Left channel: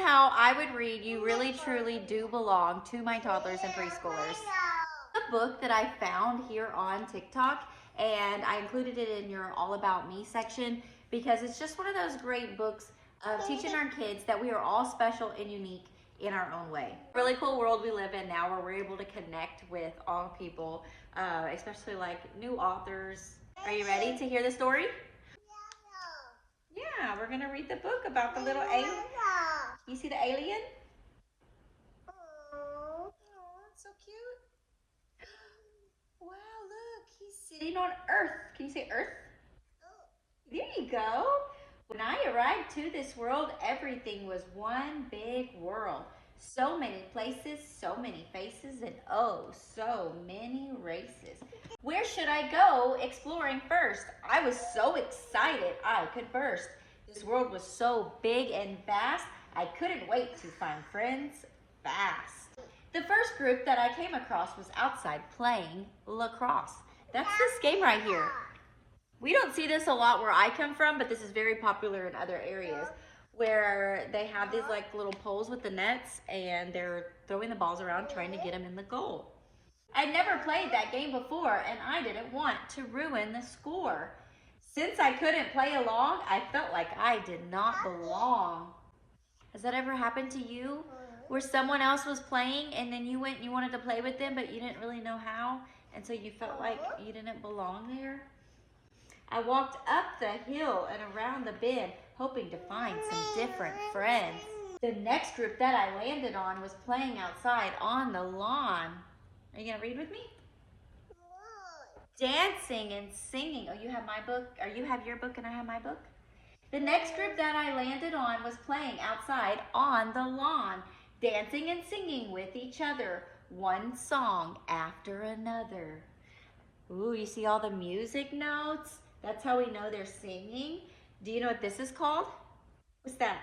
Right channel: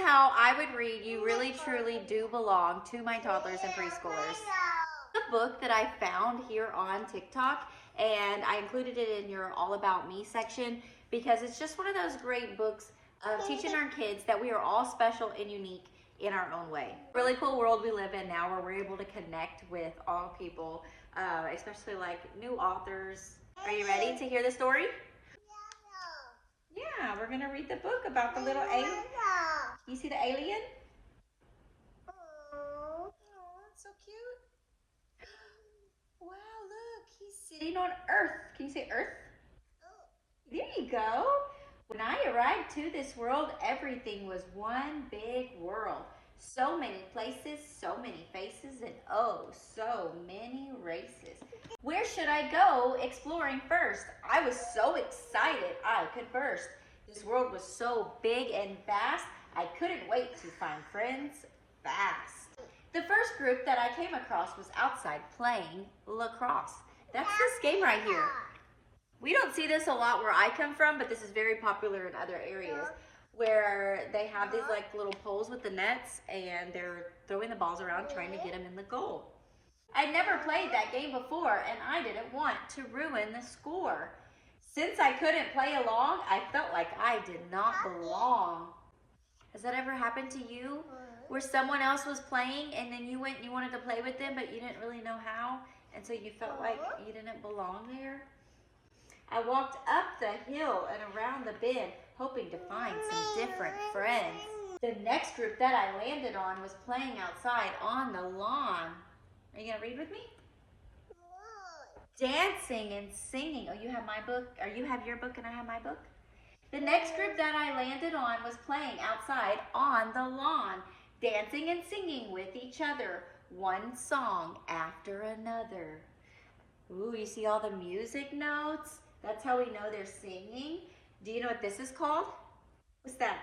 how I would read You Really Truly Do Belong to my toddlers and preschoolers. A book that I found here on TikTok, and I included it in your All About Me section because it's just one of those great books of teaching our kids that we are all special and unique in our own way. Really cool world we live in now where we're able to connect with all people, especially like new authors. Are you ready to hear the story? Yeah, we're gonna read the book about the little alien. You see the alien? Oh, it's so cute. Wow, look, he's sitting on Earth. Can you say Earth? There you go. When I arrived to this world, everything was one big world. So many places, so many faces, and oh, so many races. Where should I go exploring first? I was so excited I could burst. This world was so big and vast, I couldn't wait to find friends fast. The first group that I came across was outside playing lacrosse. That's this game right here. We don't see this a lot where I come from, but this is very popular in other areas where they have these like little poles with the nets and they're throwing the balls around trying to get them in the goal. I'd never played that game before and I didn't want to ruin the score. Since I couldn't play along, I felt like I did not belong. Has that ever happened to you? Where someone else was playing and then you went and you wanted to play with them, but you didn't really know how, and so you felt like you didn't belong there? I walked up the hill and around the bend, hoping to find some different friends. The next group that I landed on was playing outside on the lawn. Are you gonna read with me? Dancing and singing. Oh, you have my book, or you have your book and I have my book? The next group that I landed on was playing outside on the lawn, dancing and singing with each other, one song after another. Ooh, you see all the music notes? That's how we know they're singing. Do you know what this is called? What's that?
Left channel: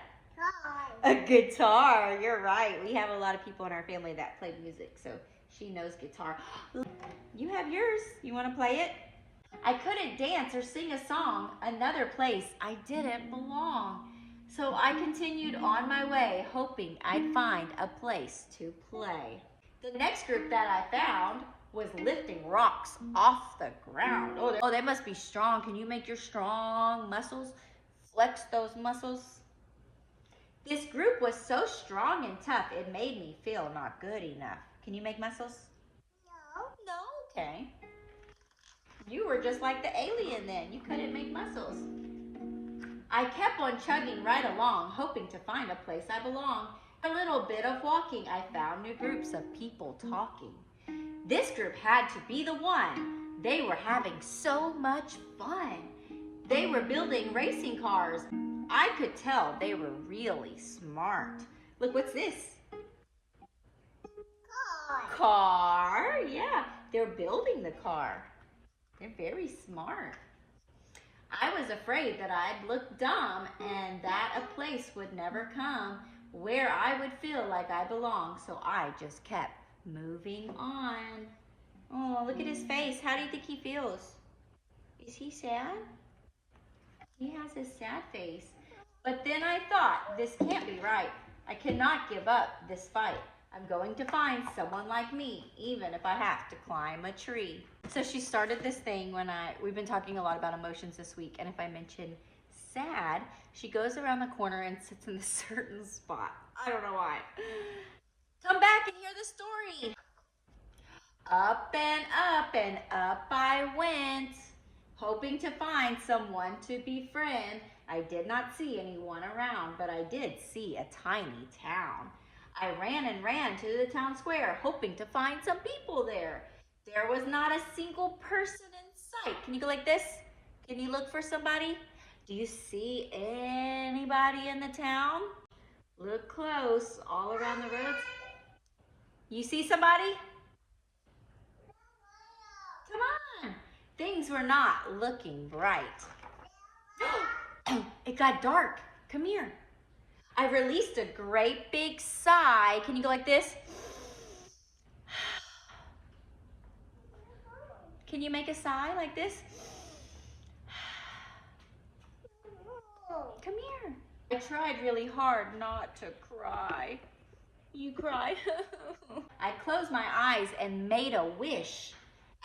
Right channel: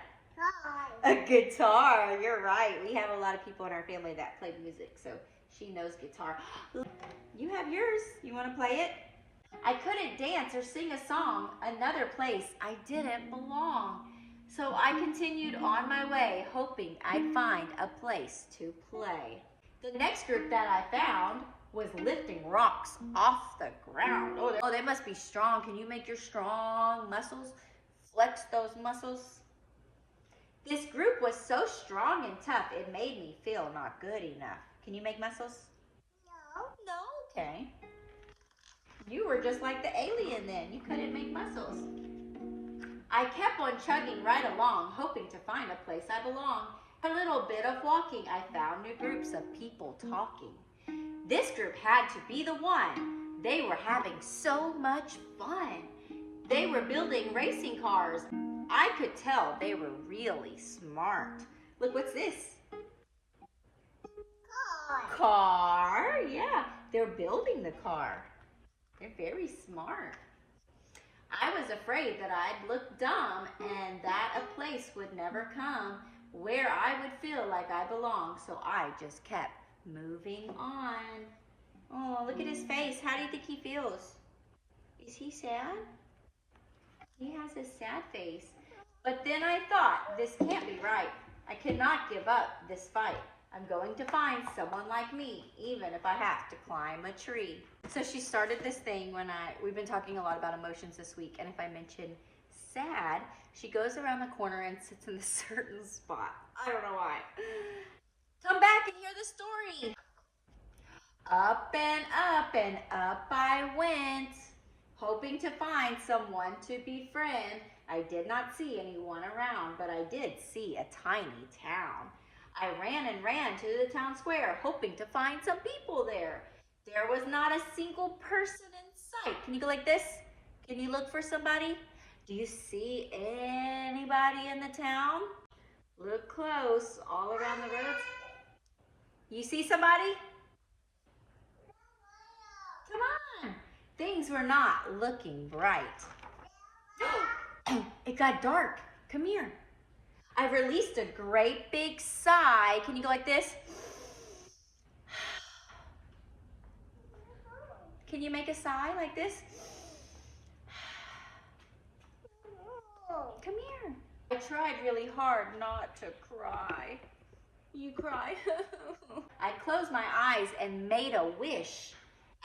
A guitar. You're right. We have a lot of people in our family that play music, so she knows guitar. You have yours. You want to play it? I couldn't dance or sing a song another place I didn't belong. So I continued on my way, hoping I'd find a place to play. The next group that I found was lifting rocks off the ground. Oh, they must be strong. Can you make your strong muscles? Flex those muscles. This group was so strong and tough, it made me feel not good enough. Can you make muscles? No, okay. You were just like the alien then. You couldn't make muscles. I kept on chugging right along, hoping to find a place I belong. A little bit of walking, I found new groups of people talking. This group had to be the one. They were having so much fun. They were building racing cars. I could tell they were really smart. Look, what's this? Car, yeah. They're building the car. They're very smart. I was afraid that I'd look dumb and that a place would never come where I would feel like I belong, so I just kept moving on. Oh, look at his face. How do you think he feels? Is he sad? He has a sad face. But then I thought, this can't be right. I cannot give up this fight. I'm going to find someone like me, even if I have to climb a tree. So she started this thing when we've been talking a lot about emotions this week, and if I mention sad, she goes around the corner and sits in a certain spot. I don't know why. Come back and hear the story. Up and up I went, hoping to find someone to befriend. I did not see anyone around, but I did see a tiny town. I ran and ran to the town square, hoping to find some people there. There was not a single person in sight. Can you go like this? Can you look for somebody? Do you see anybody in the town? Look close, all around the roads. You see somebody? Come on. Things were not looking bright. It got dark. Come here. I released a great big sigh. Can you go like this? Can you make a sigh like this? Come here. I tried really hard not to cry. You cry? I closed my eyes and made a wish.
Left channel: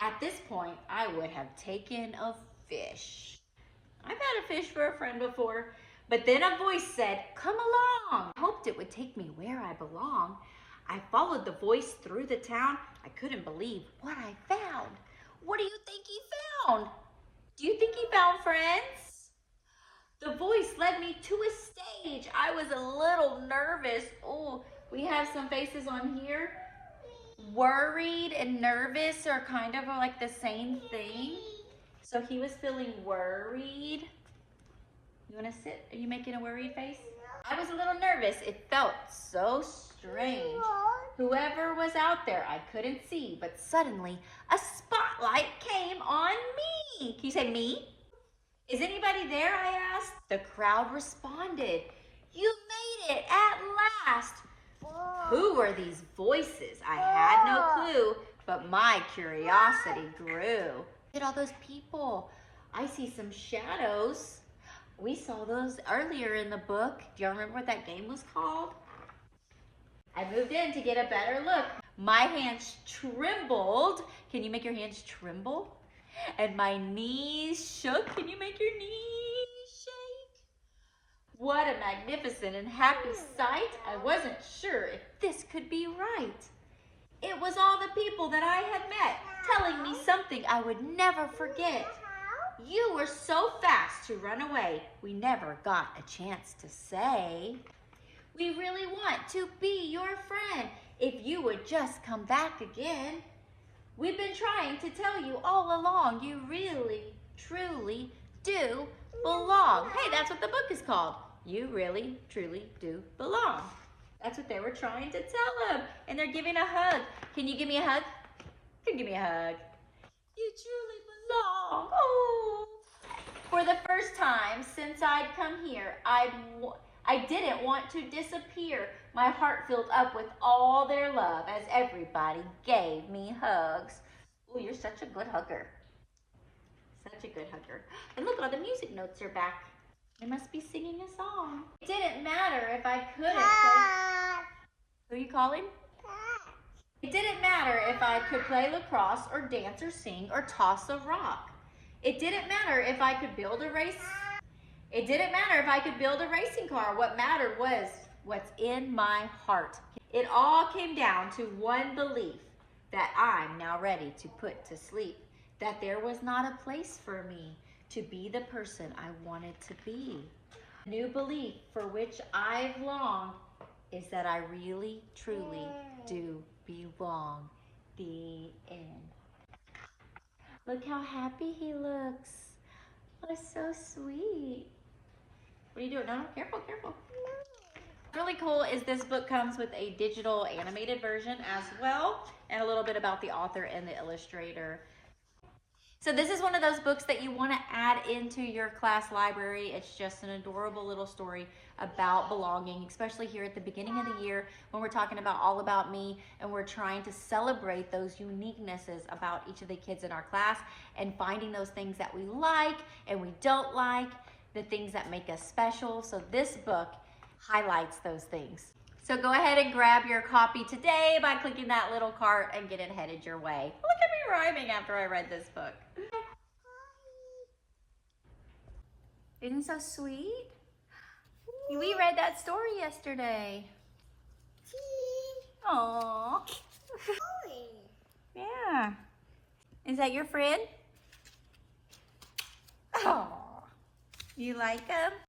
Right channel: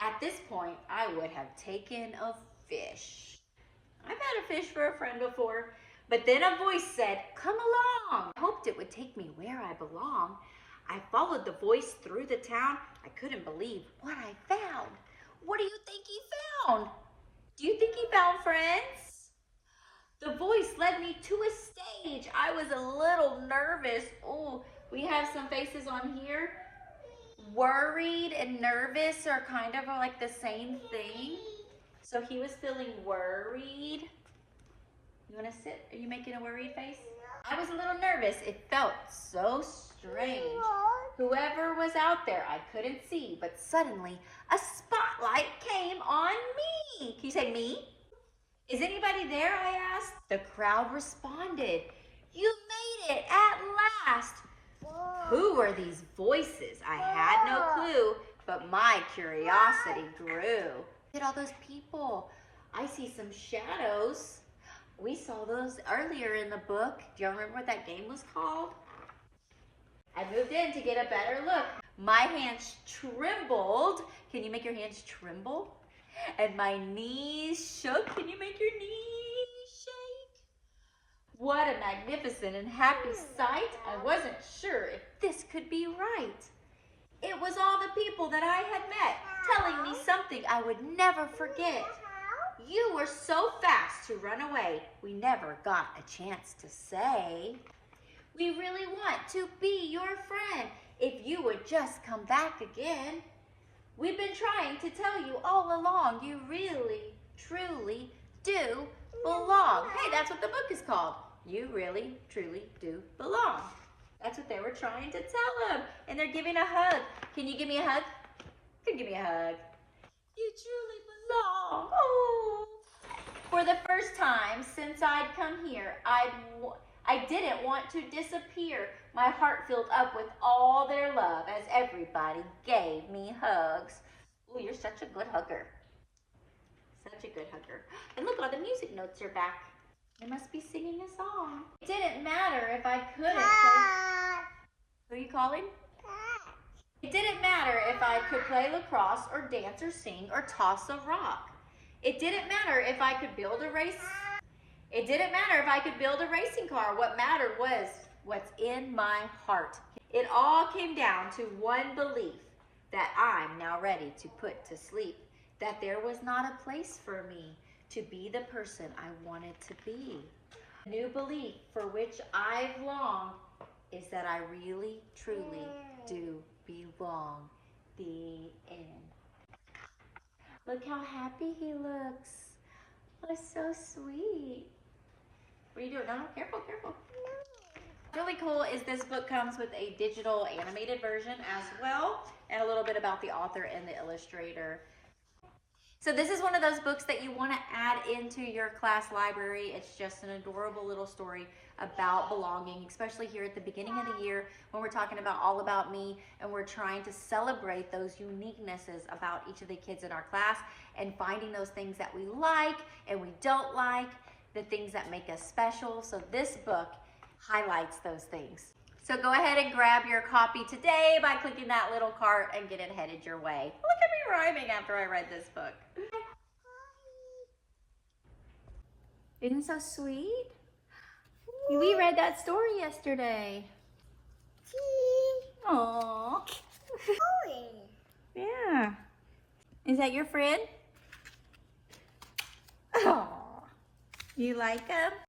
At this point, I would have taken a fish. I've had a fish for a friend before, but then a voice said, "Come along." I hoped it would take me where I belong. I followed the voice through the town. I couldn't believe what I found. What do you think he found? Do you think he found friends? The voice led me to a stage. I was a little nervous. Oh, we have some faces on here. Worried and nervous are kind of like the same thing. So he was feeling worried. You want to sit? Are you making a worried face? I was a little nervous. It felt so strange. Whoever was out there, I couldn't see, but suddenly a spotlight came on me. Can you say me? Is anybody there? I asked. The crowd responded. You made it at last. Who were these voices? I had no clue, but my curiosity grew. Look at all those people. I see some shadows. We saw those earlier in the book. Do you remember what that game was called? I moved in to get a better look. My hands trembled. Can you make your hands tremble? And my knees shook. Can you make your knees shake? What a magnificent and happy sight. I wasn't sure if this could be right. It was all the people that I had met telling me something I would never forget. You were so fast to run away, we never got a chance to say. We really want to be your friend if you would just come back again. We've been trying to tell you all along, you really, truly do belong. Hey, that's what the book is called. You really, truly do belong. That's what they were trying to tell him. And they're giving a hug. Can you give me a hug? Can you give me a hug? You truly belong. Oh. For the first time since I'd come here, I didn't want to disappear. My heart filled up with all their love as everybody gave me hugs. Oh, you're such a good hugger. Such a good hugger. And look, all the music notes are back. They must be singing a song. It didn't matter if I couldn't play. Who are you calling? It didn't matter if I could play lacrosse or dance or sing or toss a rock. It didn't matter if I could build a race. It didn't matter if I could build a racing car. What mattered was what's in my heart. It all came down to one belief that I'm now ready to put to sleep, that there was not a place for me to be the person I wanted to be. A new belief for which I've longed is that I really, truly do belong. The end. Look how happy he looks. Oh, so sweet. What are you doing? No, careful, careful. Really cool is this book comes with a digital animated version as well, and a little bit about the author and the illustrator. So this is one of those books that you want to add into your class library. It's just an adorable little story about belonging, especially here at the beginning of the year when we're talking about All About Me and we're trying to celebrate those uniquenesses about each of the kids in our class and finding those things that we like and we don't like, the things that make us special. So this book highlights those things. So go ahead and grab your copy today by clicking that little cart and get it headed your way. Look at me rhyming after I read this book. Isn't it so sweet? We read that story yesterday. Aww. Yeah. Is that your friend? Aww. You like him?